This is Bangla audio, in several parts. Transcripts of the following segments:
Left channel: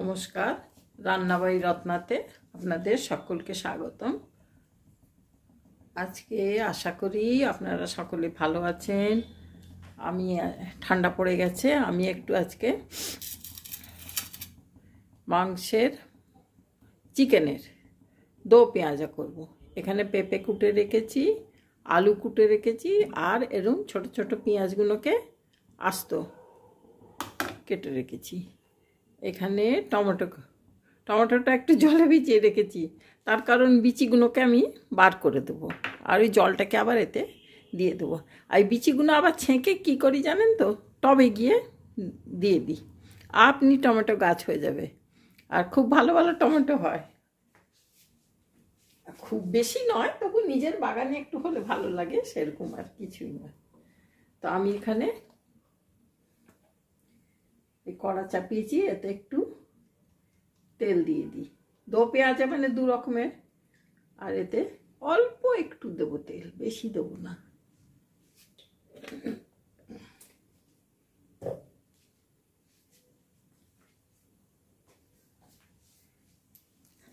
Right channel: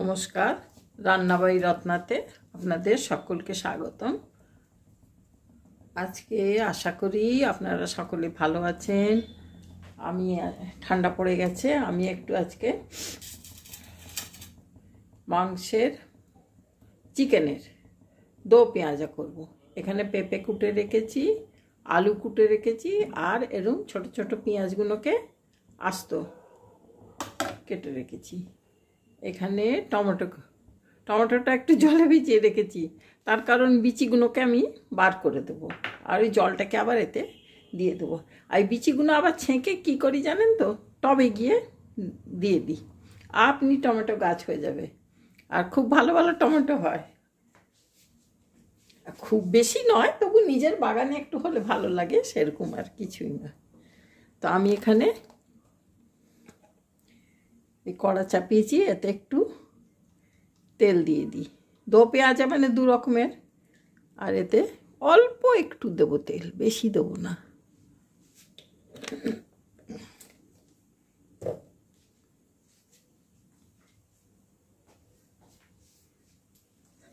নমস্কার, রান্নাবাড়ি রত্নাতে আপনাদের সকলকে স্বাগতম। আজকে আশা করি আপনারা সকলে ভালো আছেন। আমি ঠান্ডা পড়ে গেছে, আমি একটু আজকে মাংসের চিকেনের দো পেঁয়াজা করব। এখানে পেঁপে কুটে রেখেছি, আলু কুটে রেখেছি, আর এরকম ছোট ছোট পেঁয়াজগুলোকে আস্ত কেটে রেখেছি। এখানে টমেটোটা একটু জলে ভিজিয়ে রেখেছি, তার কারণ বিচিগুলোকে আমি বার করে দেবো, আর ওই জলটাকে আবার এতে দিয়ে দেবো। আর এই বিচিগুলো আবার ছেঁকে কী করি জানেন তো, টবে গিয়ে দিয়ে দিই, আপনি টমেটো গাছ হয়ে যাবে। আর খুব ভালো ভালো টমেটো হয়, খুব বেশি নয়, তবু নিজের বাগানে একটু হলে ভালো লাগে, সেরকম আর কিছুই না। তো আমি এখানে এই কড়া চাপিয়েছি, এতে একটু তেল দিয়ে দিই। দো পেঁয়াজা মানে দু রকমের, আর এতে অল্প একটু দেবো তেল, বেশি দেবো না।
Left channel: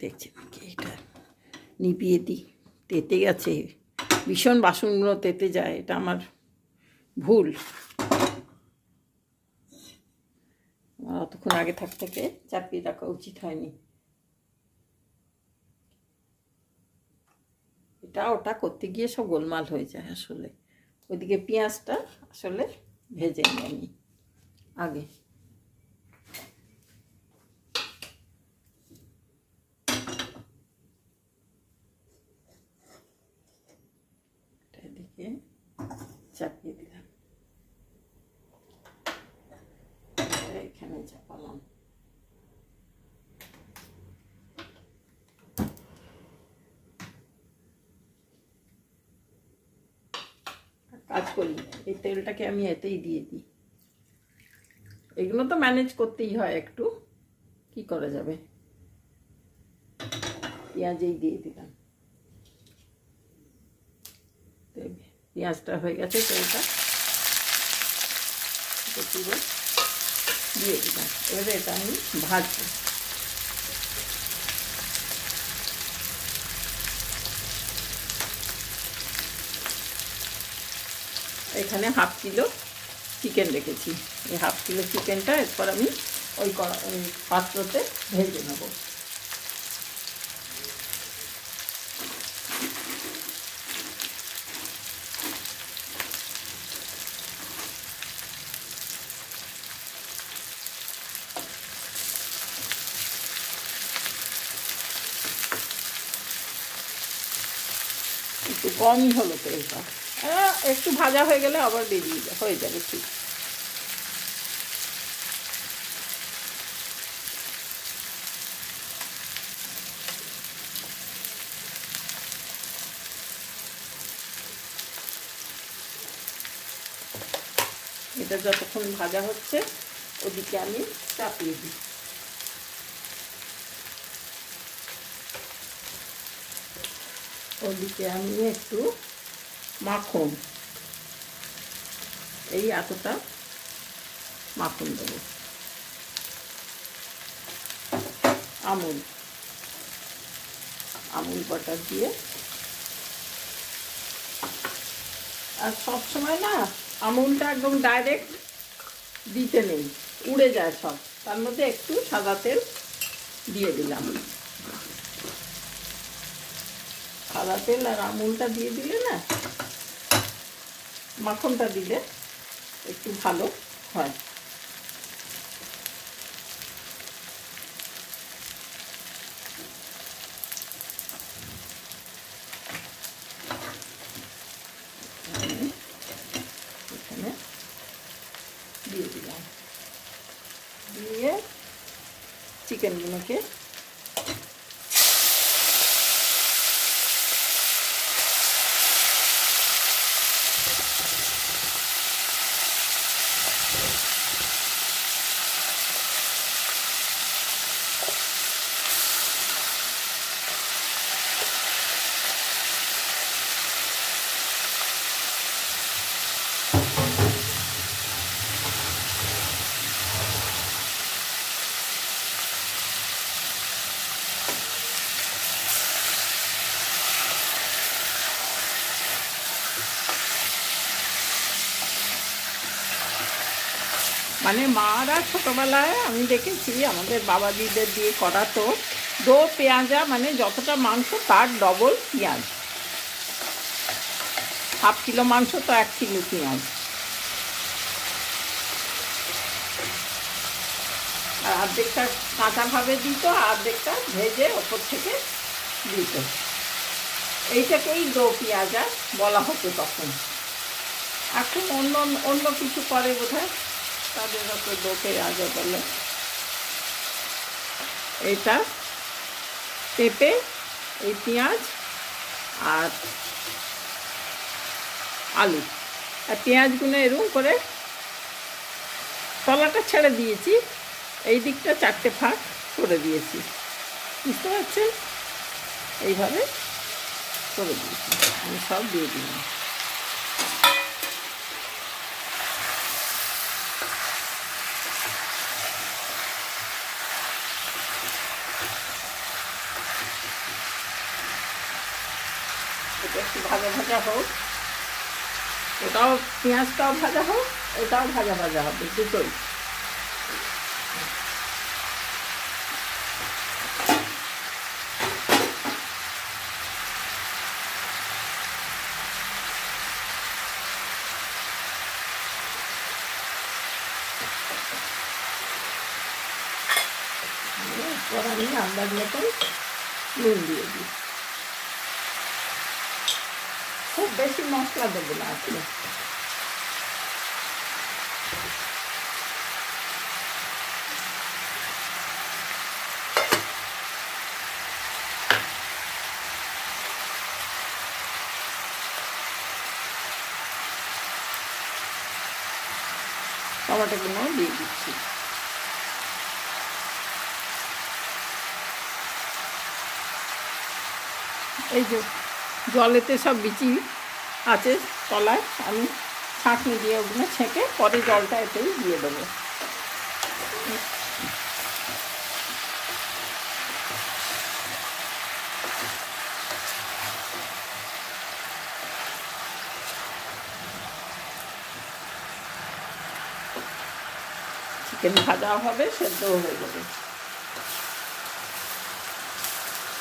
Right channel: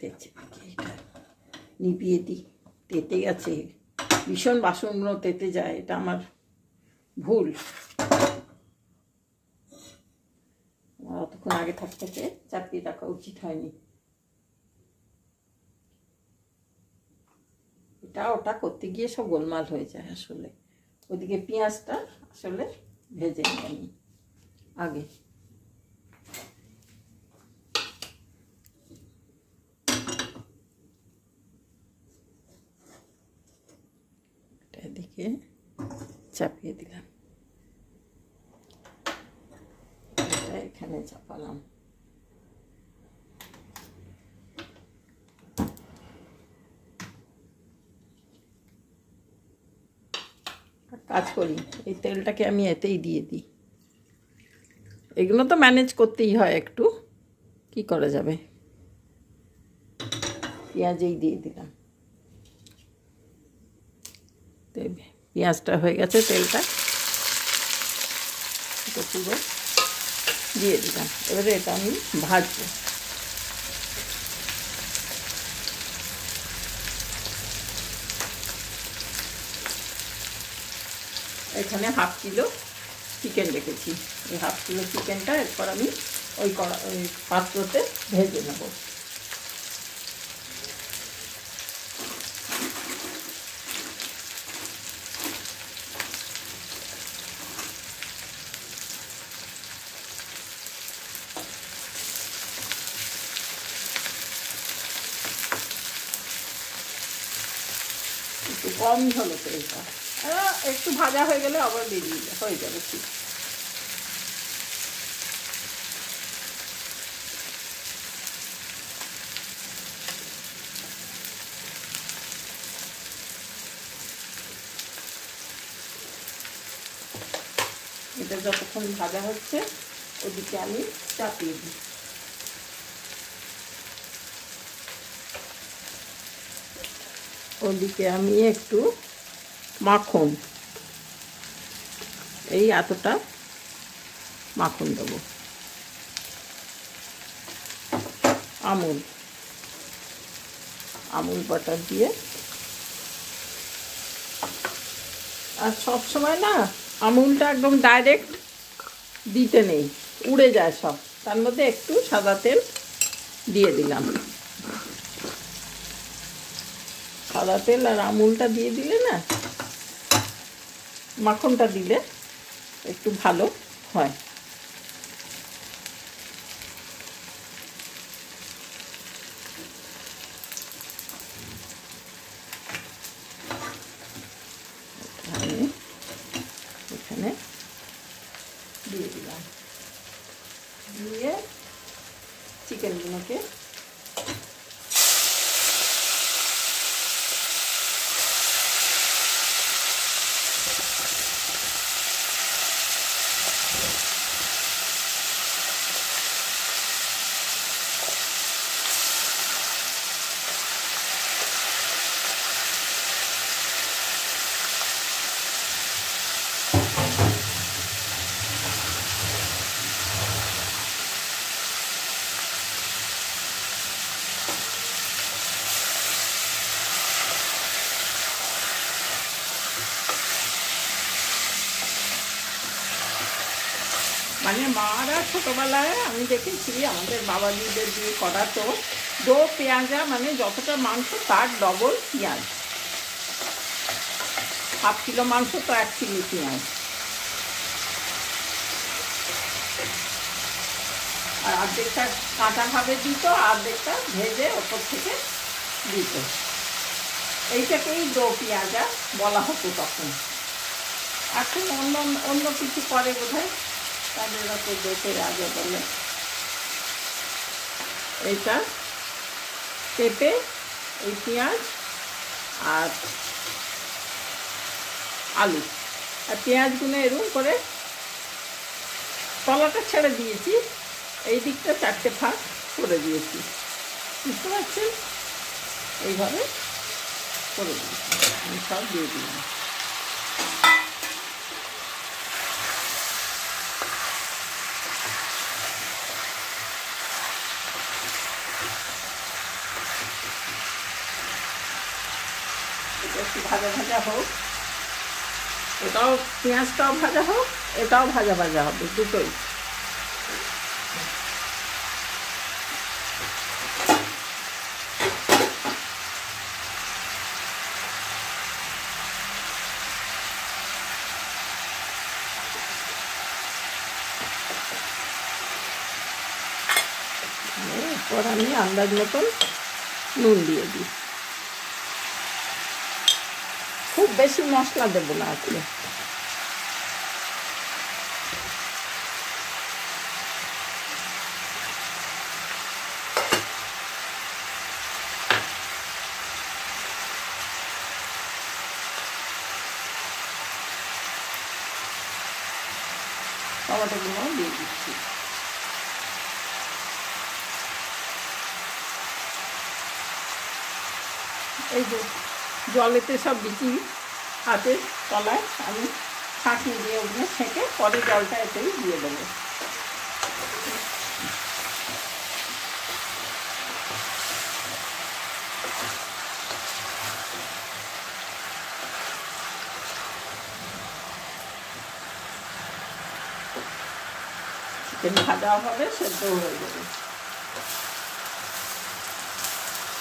দেখছি নাকি এটা নিভিয়ে দিই, তেতে গেছে ভীষণ, বাসনগুলো তেতে যায়, এটা আমার ভুল। অতক্ষণ আগে থেকে চাপিয়ে রাখা উচিত হয়নি। এটা ওটা করতে গিয়ে সব গোলমাল হয়ে যায় আসলে। ওইদিকে পেঁয়াজটা আসলে ভেজে নিই আগে। এদিকে চাপিয়ে দিলাম, এখানে চাপালাম। কাজ করি, এই তেলটাকে আমি এতেই দিয়ে দিই। এগুলো তো ম্যানেজ করতেই হয় একটু, কি করা যাবে। পেঁয়াজেই দিয়ে দিলাম, পেঁয়াজটা হয়ে গেছে, তেলটা পুরো দিয়ে দিলাম। এবারে এটা আমি ভাজবো। এখানে হাফ কিলো চিকেন রেখেছি, এই হাফ কিলো চিকেনটা এরপর আমি ওই পাত্রতে ভেজে নেব। একটু কমই হলো তেলটা, একটু ভাজা হয়ে গেলে আবার বেরিয়ে হয়ে যাবে ঠিক। এটা যতক্ষণ ভাজা হচ্ছে ওদিকে আমি চাপিয়ে দিই। ওদিকে আমি একটু মাখন, এই এতটা মাখন দেবো, আমুল বাটার দিয়ে। আর সব সময় না আমুলটা একদম ডাইরেক্ট দিতে নেই, উড়ে যায় সব, তার মধ্যে একটু সাদা তেল দিয়ে দিলাম। সাদা তেল আর আমুলটা দিয়ে দিলে না, মাখনটা দিলে একটু ভালো হয়। এখানে দিয়ে দিলাম, দিয়ে চিকেনগুলোকে মানে মারা ছোটোবেলায় আমি দেখেছি আমাদের বাবাজিদের দিয়ে করাতো, 2 পেঁয়াজা মানে যতটা মাংস তার ডবল পেঁয়াজ, 1/2 কিলো মাংস তো 1 কিলো পেঁয়াজ। আর অর্ধেকটা কাঁচাভাবে দিত, অর্ধেকটা ভেজে ওপর থেকে দিত। এইটাকেই 2 পেঁয়াজা বলা হতো তখন। এখন অন্য অন্য কিছু করে বোধহয়, তাদের তো 2 পেঁয়াজা বলে। এটা পেঁপে, এই পেঁয়াজ আর আলু, আর পেঁয়াজগুলো এরকম করে তলাটা ছেড়ে দিয়েছি, এই দিকটা 4টে ফাঁক করে দিয়েছি, বুঝতে পারছেন? এইভাবে করে দিয়েছি, আমি সব দিয়ে দিলাম। এটা একটু ভাজা ভাজা হোক, এটাও পেঁয়াজটাও ভাজা হোক, এটাও ভাজা ভাজা হবে, দুটোই। এরপর আমি আন্দাজ মতন নুন দিয়ে দিই, খুব বেশি মশলা দেবো না আসলে। টমেটোগুলো দিয়ে দিচ্ছি। এই যে জলেতে সব বিচি আছে তলায়, আমি ছাঁকনি দিয়ে ওগুলো ছেঁকে পরে জলটা এতেই দিয়ে দেবো। চিকেন ভাজা হবে, সেদ্ধ হয়ে যাবে।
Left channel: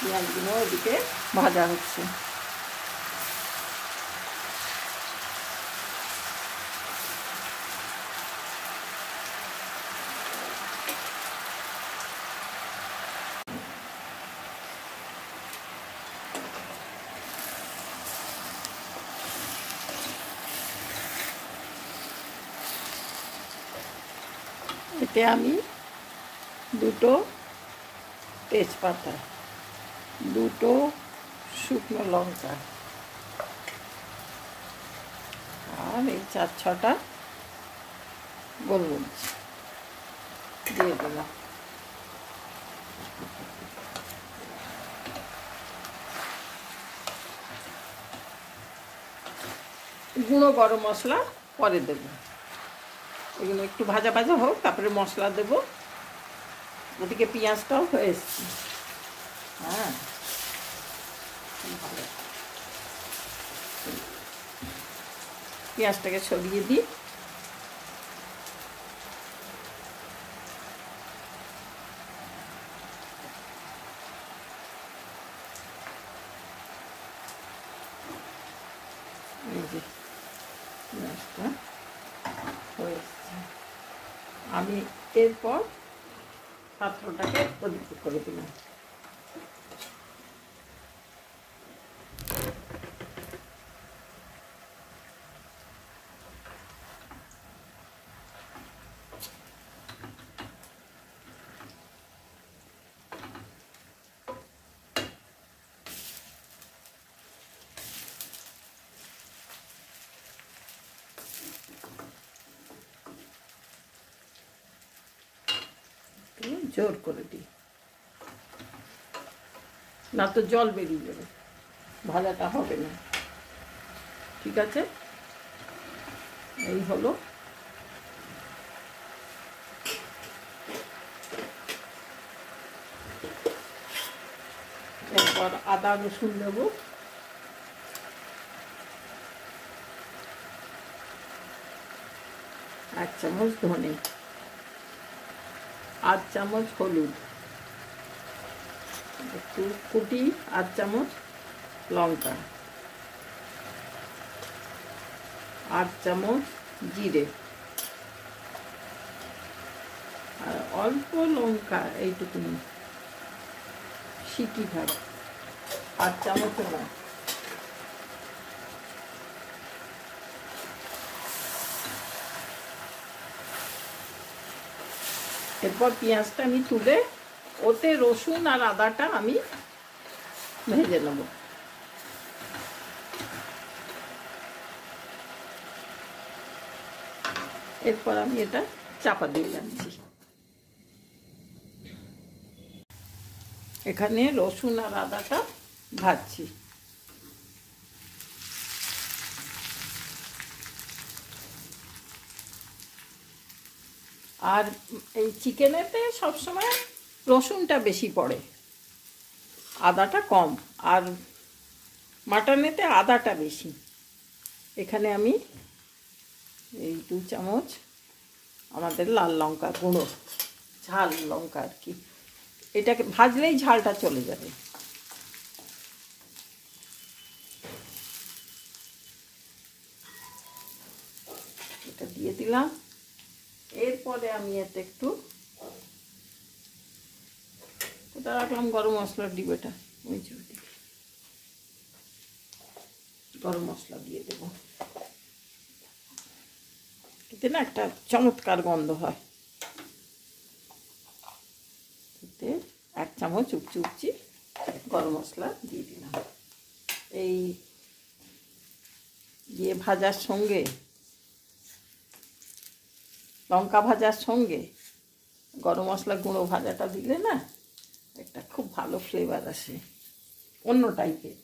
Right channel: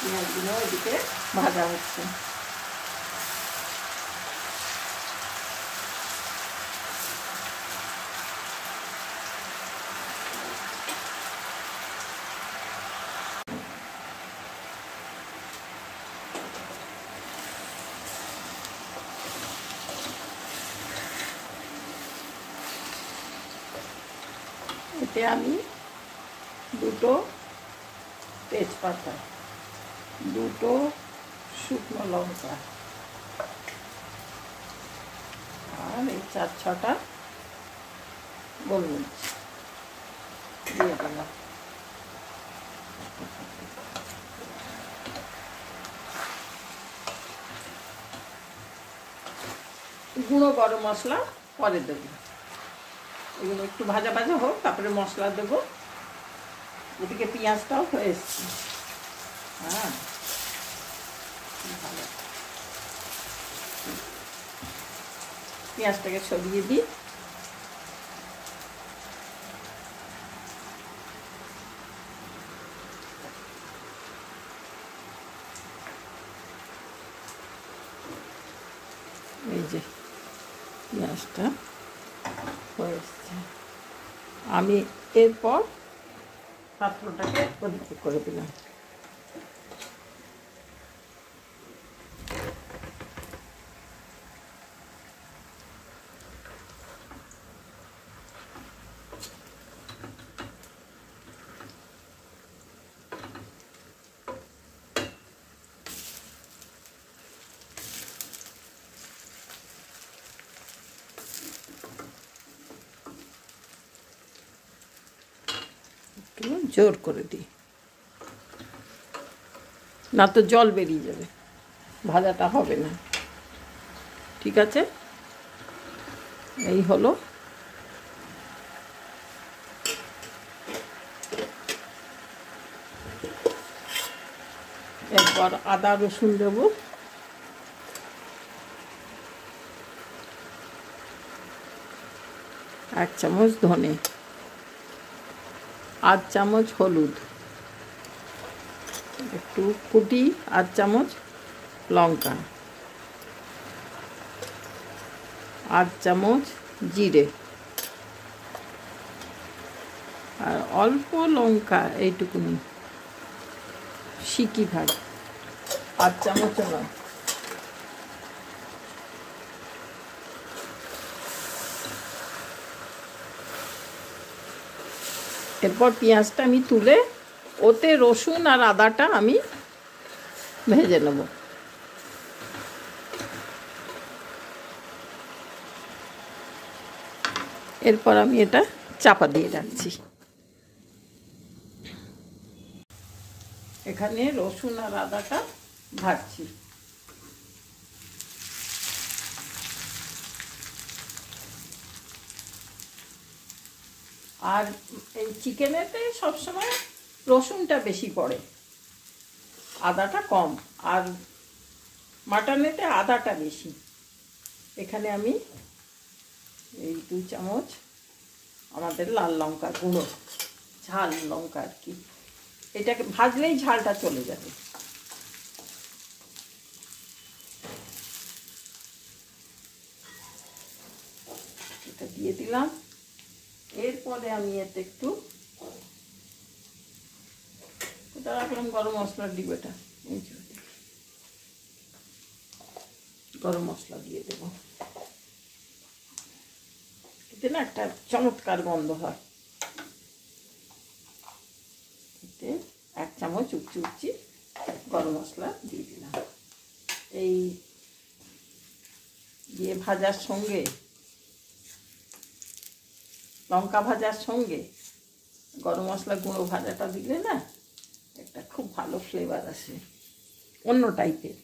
পেঁয়াজগুলো ওদিকে ভাজা হচ্ছে। এতে আমি 2টো তেজপাতা, 2টো শুকনো লঙ্কা আর এই 4-6টা গোলমরিচ দিয়ে দেবো। গুঁড়ো গরম মশলা পরে দেবো, এগুলো একটু ভাজা ভাজা হোক, তারপরে মশলা দেবো। ওদিকে পেঁয়াজটাও হয়ে এসছে। হ্যাঁ, পেঁয়াজটাকে সরিয়ে দিই। এই যে পেঁয়াজটা হয়ে এসছে, আমি এরপর পাত্রটাকে ওদিকে করে দিলাম। জোর করে দিই, না তো জল বেরিয়ে যাবে, ভাজাটা হবে না। ঠিক আছে, এই হলো। এরপর আদা রসুন দেবো, 1 চামচ ধনে, আধ চামচ হলুদ, একটু কুটি আধ চামচ লঙ্কা, আধ চামচ জিরে, আর অল্প লঙ্কা এইটুকুনি শিকি ভাগ আধ চামচ নয়। এরপর পেঁয়াজটা আমি তুলে ওতে রসুন আর আদাটা আমি ভেজে নেব। এরপর আমি এটা চাপা দিয়ে রাখছি। এখানে রসুন আর আদাটা ভাজছি। আর এই চিকেনেতে সবসময় রসুনটা বেশি পড়ে, আদাটা কম, আর মাটনেতে আদাটা বেশি। এখানে আমি এই 2 চামচ আমাদের লাল লঙ্কা গুঁড়ো, ঝাল লঙ্কা আর কি, এটাকে ভাজলেই ঝালটা চলে যাবে। এটা দিয়ে দিলাম। এরপরে আমি এতে একটু এটা রাখলাম গরম মশলার ডিবেটা, গরম মশলা দিয়ে দেব। এতে না একটা চমৎকার গন্ধ হয়। এতে 1 চামচ উপচি গরম মশলা দিয়ে দিলাম। এই দিয়ে ভাজার সঙ্গে, লঙ্কা ভাজার সঙ্গে গরম মশলা গুঁড়ো ভাজাটা দিলে না একটা খুব ভালো ফ্লেভার আসে, অন্য টাইপের।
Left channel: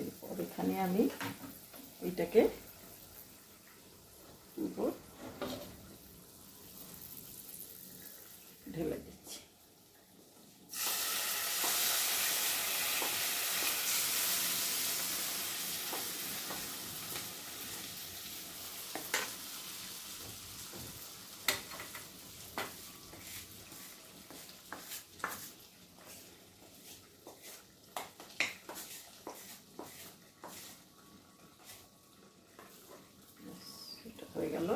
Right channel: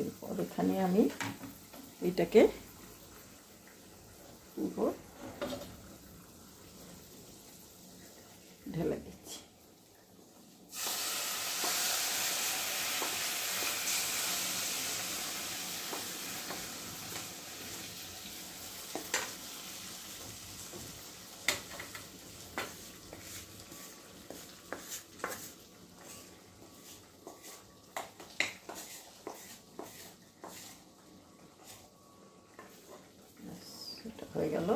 এরপর এখানে আমি এটাকে পুরো ঢেলে দিচ্ছি। হয়ে গেল।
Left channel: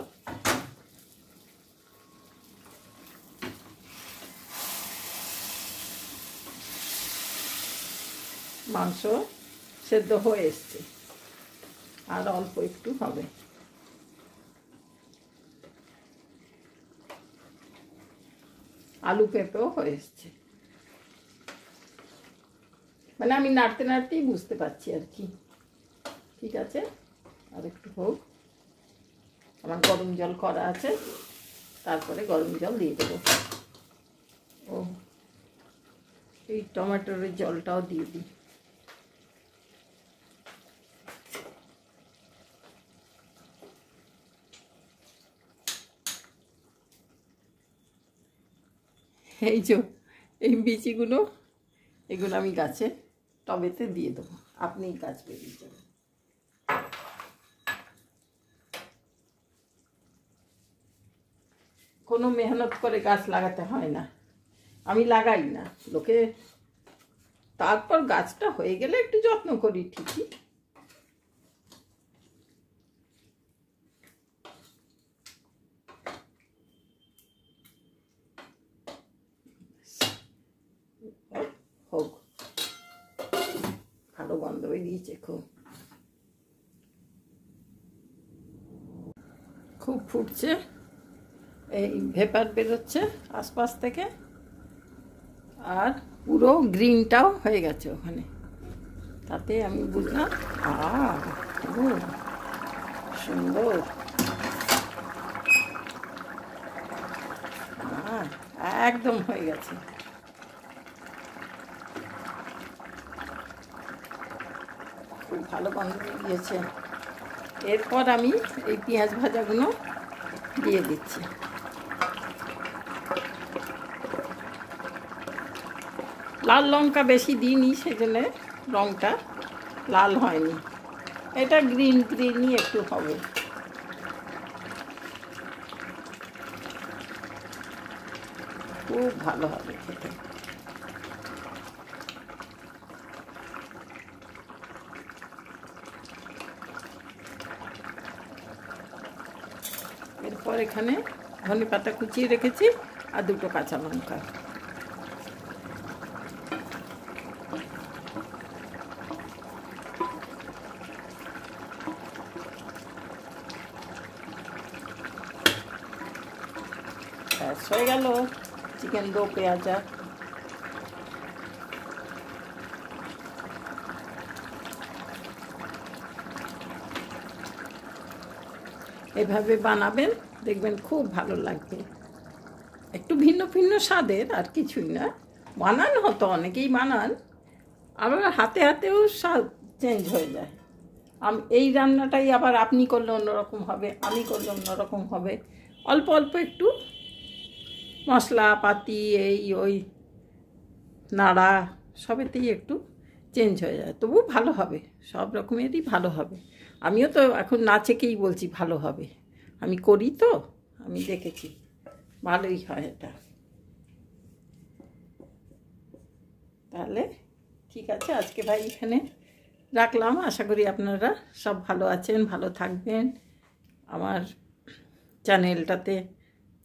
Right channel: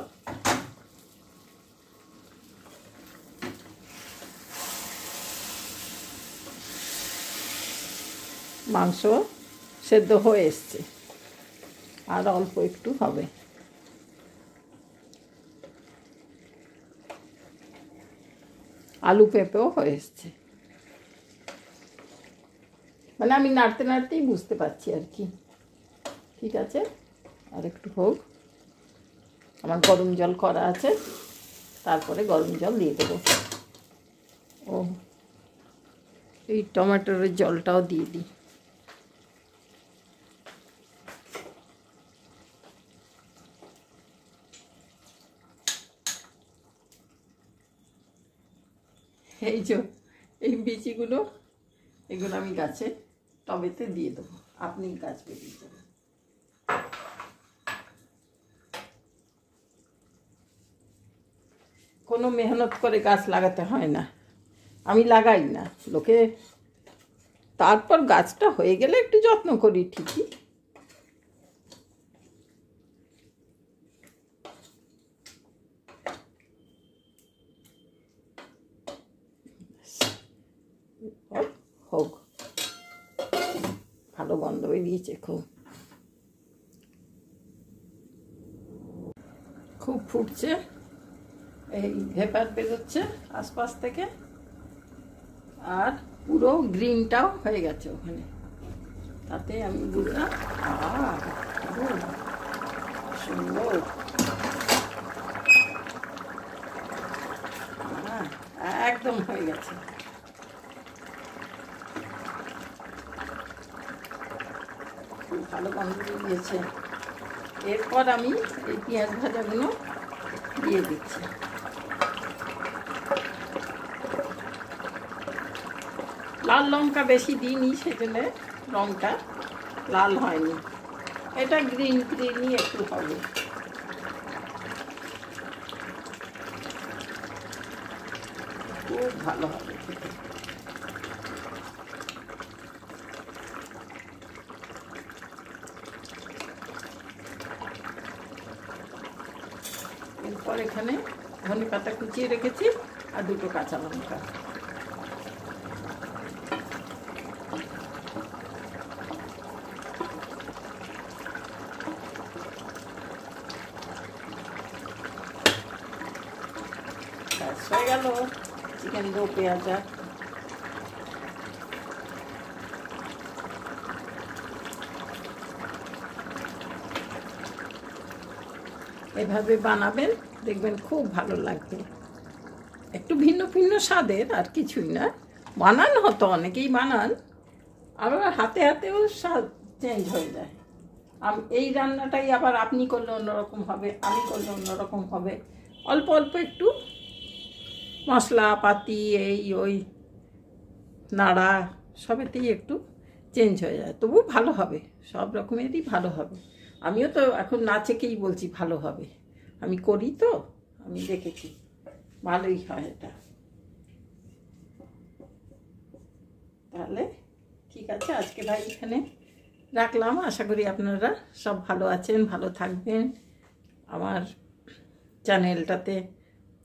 মাংস সেদ্ধ হয়ে এসছে, আর অল্প একটু হবে। আলু পেঁপেও হয়ে এসছে, মানে আমি নাড়তে নাড়তেই বুঝতে পারছি আর কি। ঠিক আছে, আর একটু হোক। আমার গরম জল করা আছে, তারপরে গরম জল দিয়ে দেবো। ও এই টমেটোর জলটাও দিয়ে দিই। এই যে এই বিচিগুলো, এগুলো আমি গাছে টবেতে দিয়ে দেবো, আপনি গাছ বেরিয়ে দেবেন। কোনো মেহনত করে গাছ লাগাতে হয় না, আমি লাগাই না, লোকে। তারপর গাছটা হয়ে গেলে একটু যত্ন করি ঠিকই। হোক, ভালো গন্ধ বেরিয়েছে, খুব ফুটছে, এই ভেপার বেরোচ্ছে আশপাশ থেকে, আর পুরো গ্রিনটাও হয়ে গেছে ওখানে। তাতে আমি বুঝলাম সুন্দর, একদম হয়ে গেছে। খুব ভালো গন্ধ দিয়েছে। এরপর আমি এই পেঁয়াজ ভাজাগুলো দিয়ে দিচ্ছি। লাল লঙ্কা বেশি দিইনি, সেজন্য রঙটা লাল হয়নি, এটা গ্রিনই একটু হবে। খুব ভালো হবে খেতে। এরপর এখানে ধনে পাতা কুচিয়ে রেখেছি আর দুটো কাঁচা লঙ্কা। হয়ে গেল চিকেন দো পেঁয়াজা। এভাবে বানাবেন, দেখবেন খুব ভালো লাগবে। একটু ভিন্ন ভিন্ন স্বাদের, আর কিছুই না। বানান হতো, অনেকেই বানান, আবার হাতে হাতেও স্বাদ চেঞ্জ হয়ে যায়। এই রান্নাটাই আবার আপনি করলে অন্যরকম হবে, আমি করলে অন্যরকম হবে। অল্প অল্প একটু মশলাপাতি এই ওই নাড়া সবেতেই একটু চেঞ্জ হয়ে যায়, তবু ভালো হবে, সব রকমেরই ভালো হবে। আমিও তো এখন না চেকেই বলছি ভালো হবে, আমি করি তো, আমি দেখেছি ভালোই হয় এটা। তাহলে ঠিক আছে, আজকে ভাই এখানে রাখলাম। আশা করি আপনারা সব ভালো আছেন, ভালো থাকবেন। আমার চ্যানেলটাতে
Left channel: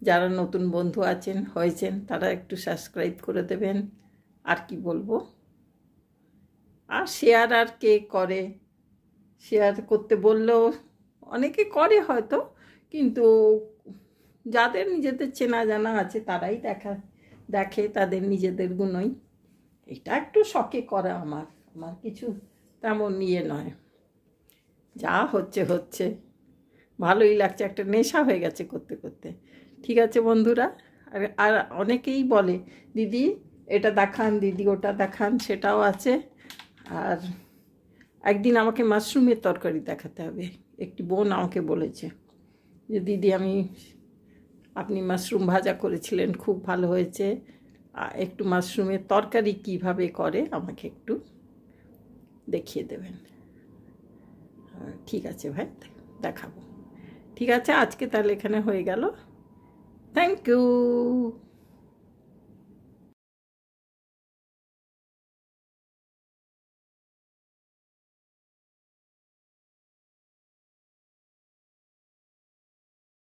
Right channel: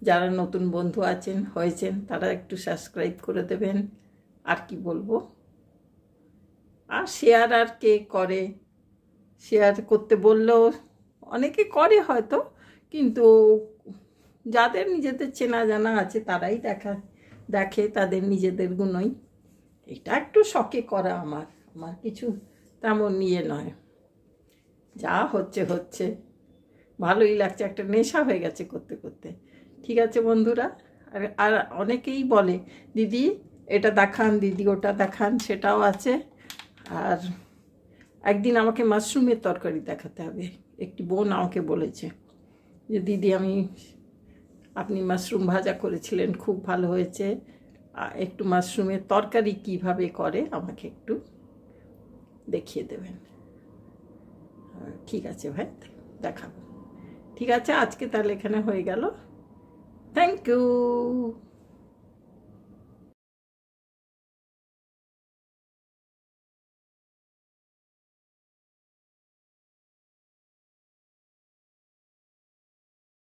যারা নতুন বন্ধু আছেন হয়েছেন তারা একটু সাবস্ক্রাইব করে দেবেন। আর কি বলবো, আর শেয়ার আর কে করে, শেয়ার করতে বললেও অনেকে করে হয়তো, কিন্তু যাদের নিজেদের চেনা জানা আছে তারাই দেখে তাদের নিজেদের গুণই। এটা একটু শখে করা, আমার কিছু তেমন ইয়ে নয়, যা হচ্ছে হচ্ছে, ভালোই লাগছে, একটা নেশা হয়ে গেছে করতে করতে। ঠিক আছে বন্ধুরা, আর অনেকেই বলে দিদি এটা দেখান, দিদি ওটা দেখান, সেটাও আছে। আর একদিন আমাকে মাশরুমের তরকারি দেখাতে হবে। একটি বোন আমাকে বলেছে যে দিদি আপনি মাশরুম ভাজা করেছিলেন, খুব ভালো হয়েছে, একটু মাশরুমের তরকারি কিভাবে করে আমাকে একটু দেখিয়ে দেবেন। ঠিক আছে ভাই, দেখাবো। ঠিক আছে, আজকে তাহলে এখানে হয়ে গেল। Thank you.